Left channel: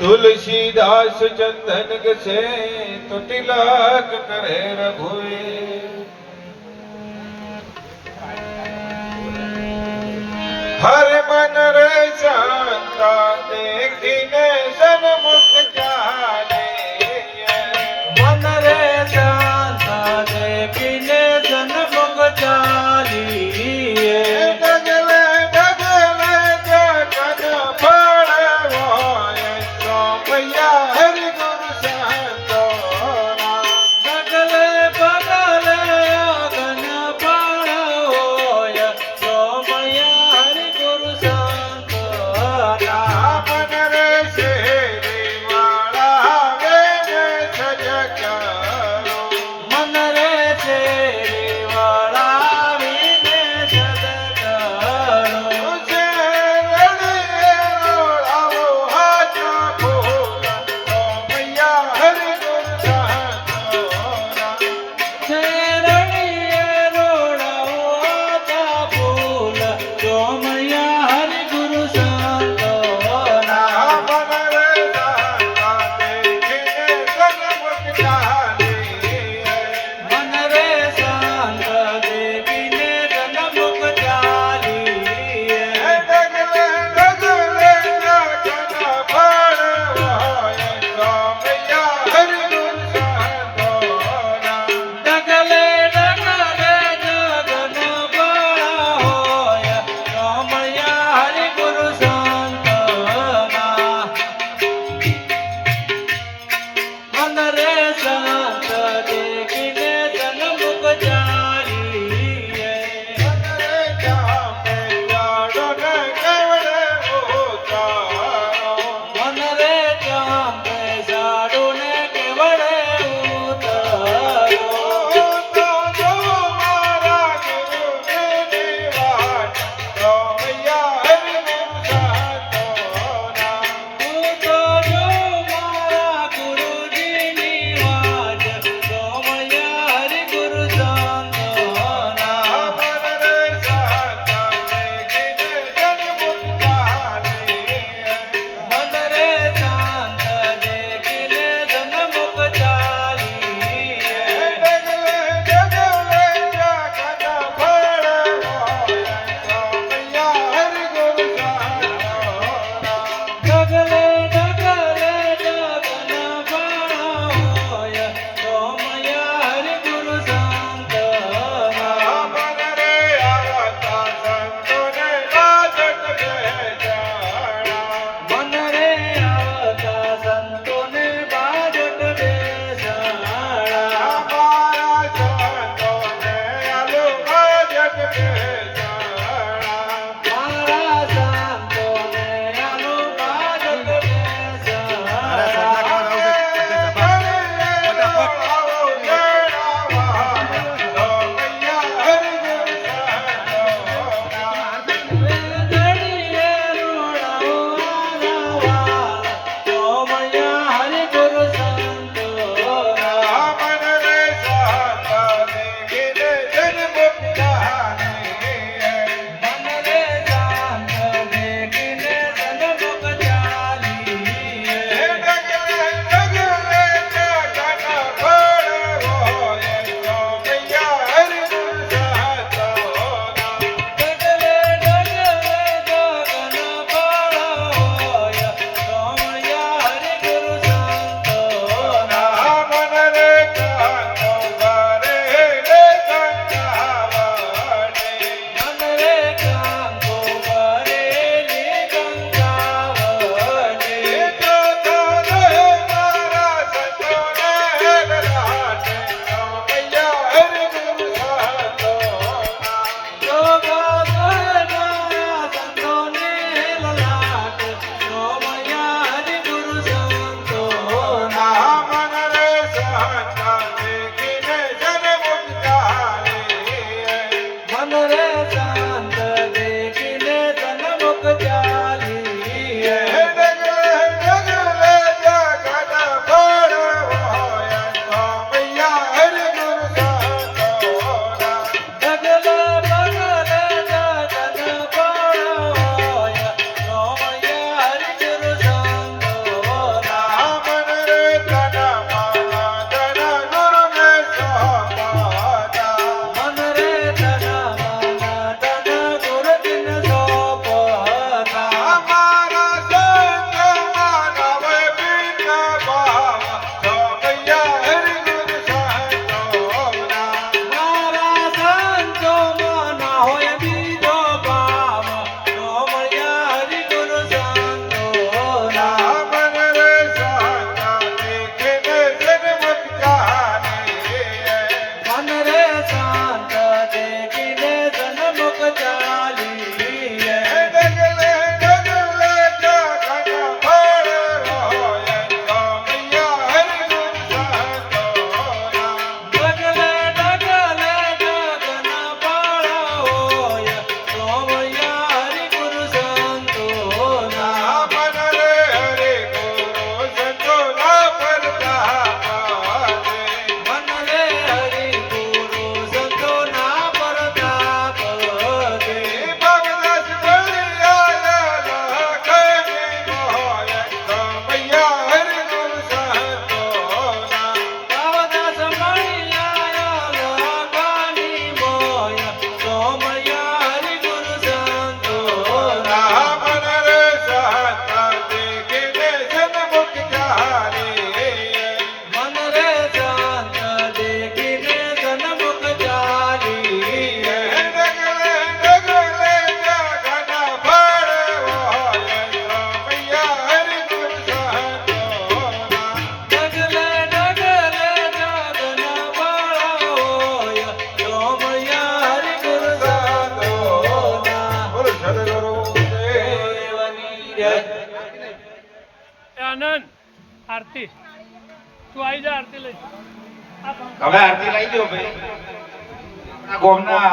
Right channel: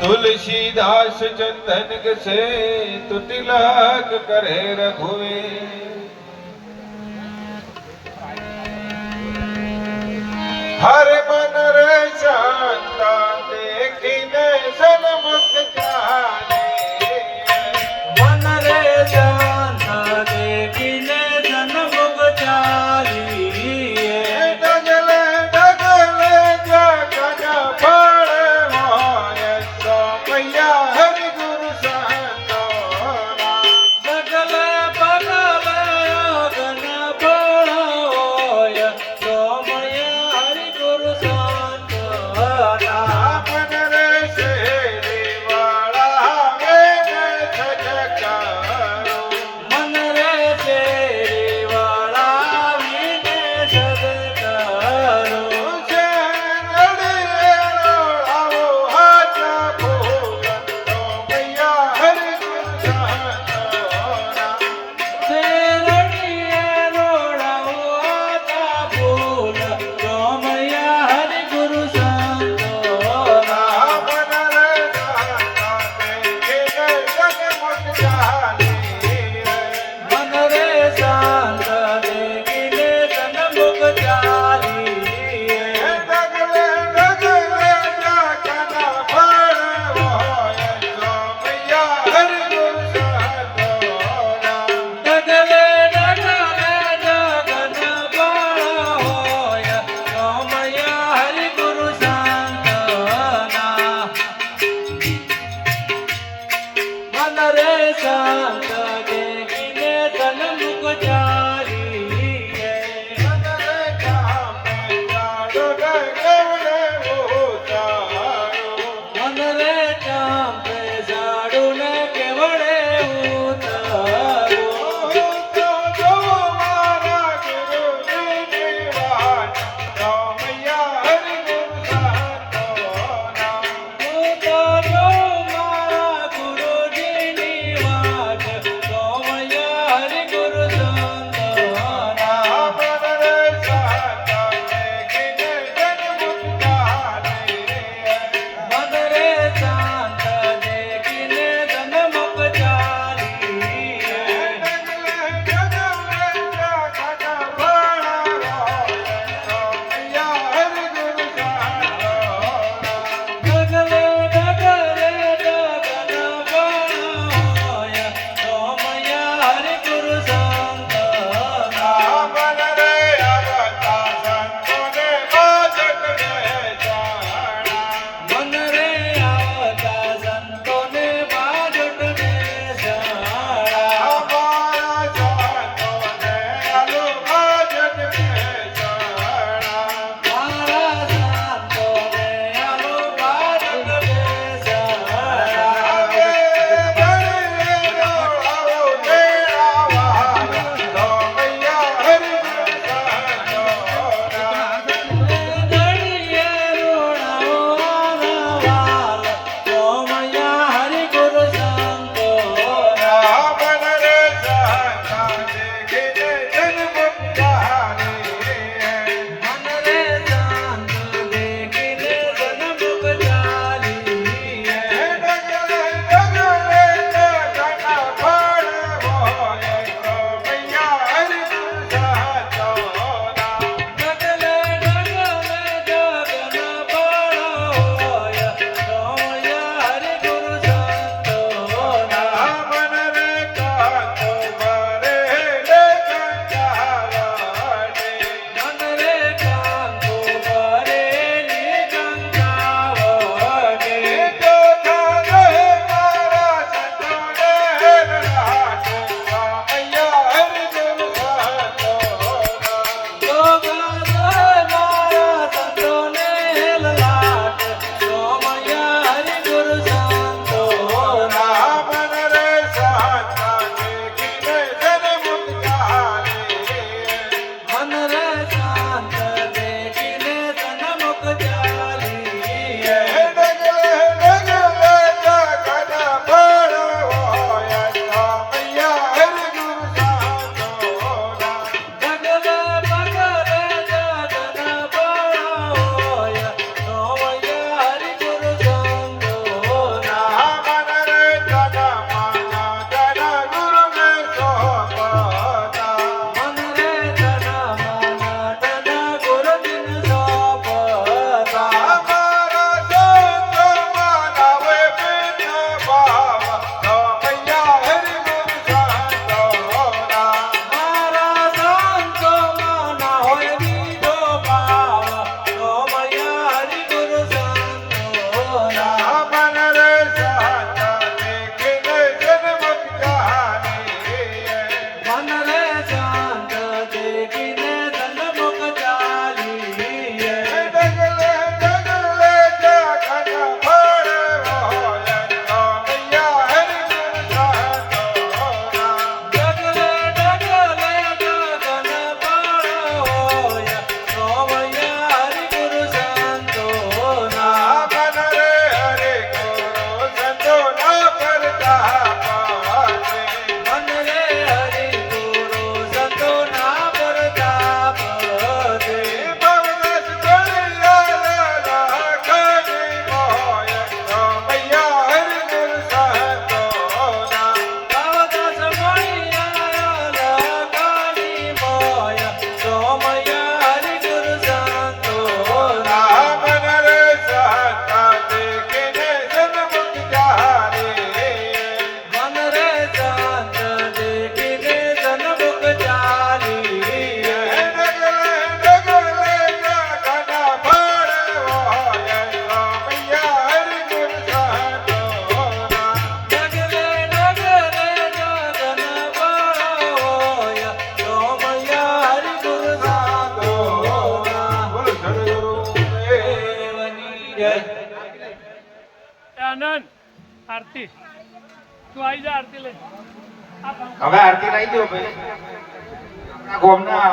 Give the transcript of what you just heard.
तुलसीदास चंदन के से तो तिलक करे रघुवीर। हर मन रे शांता देखिने सन्मुख जाने। मन रे शांता देखिने सन्मुख जालिए। डगले डगले जगन पड़े होए सोमैया हरि गुरु संतोना। डगले बगले अगन पड़ोय सोमया हरि गुरु संतोना। मन रे शेरी वाला वेद सज करो। मन रे शेरी वाला विने सद करो। उसे रड़िए रोड़ाओ हाथ फूलन सोमैया हरि गुरु संतोना। शेरड़िए रोड़ाओ आता फूल सोमया हरि गुरु संतोना। मन रे शांता देखिने सन्मुख जालिए। मन रे शांत देखिने सन्मुख जालिए। डगले डगले जगन पड़े होए सोमैया हरि गुरु संतोना। डगले डगले जगन बड़ा होय सोमया हरि गुरु संतोना। मन रे शांत देखिने सन्मुख जालिए। मन रे जामे जाड़ो केवड़े उतारो। मन रे चांपे साडूने केवड़े उतारो। तो जो मारा गुरु जी वाट सोमैया हरि गुरु संतोना। तो जो मारा गुरु जी निवाज सोमया हरि गुरु संतोना। मन रे शांता देखिने सन्मुख जालिए। मन रे शांत देखिने सन्मुख जालिए। डगले डगले जगन पड़े होए सोमैया हरि गुरु संतोना। डगले डगले जगन बड़ा होय सोमया हरि गुरु संतोना। मन रे आवता संतोने बाजट बेचारा। मन रे आवता संतोने बाजट बेसाड़ा। हमारा संतोने अनु बाजट बेचारा। मारा संतोने अनु बाजट જય એ આનંદ આરતી તું આવી જા આરતી લઈ આ પંખા હવે આરતી લઈ દો ભાઈ આ ગોમના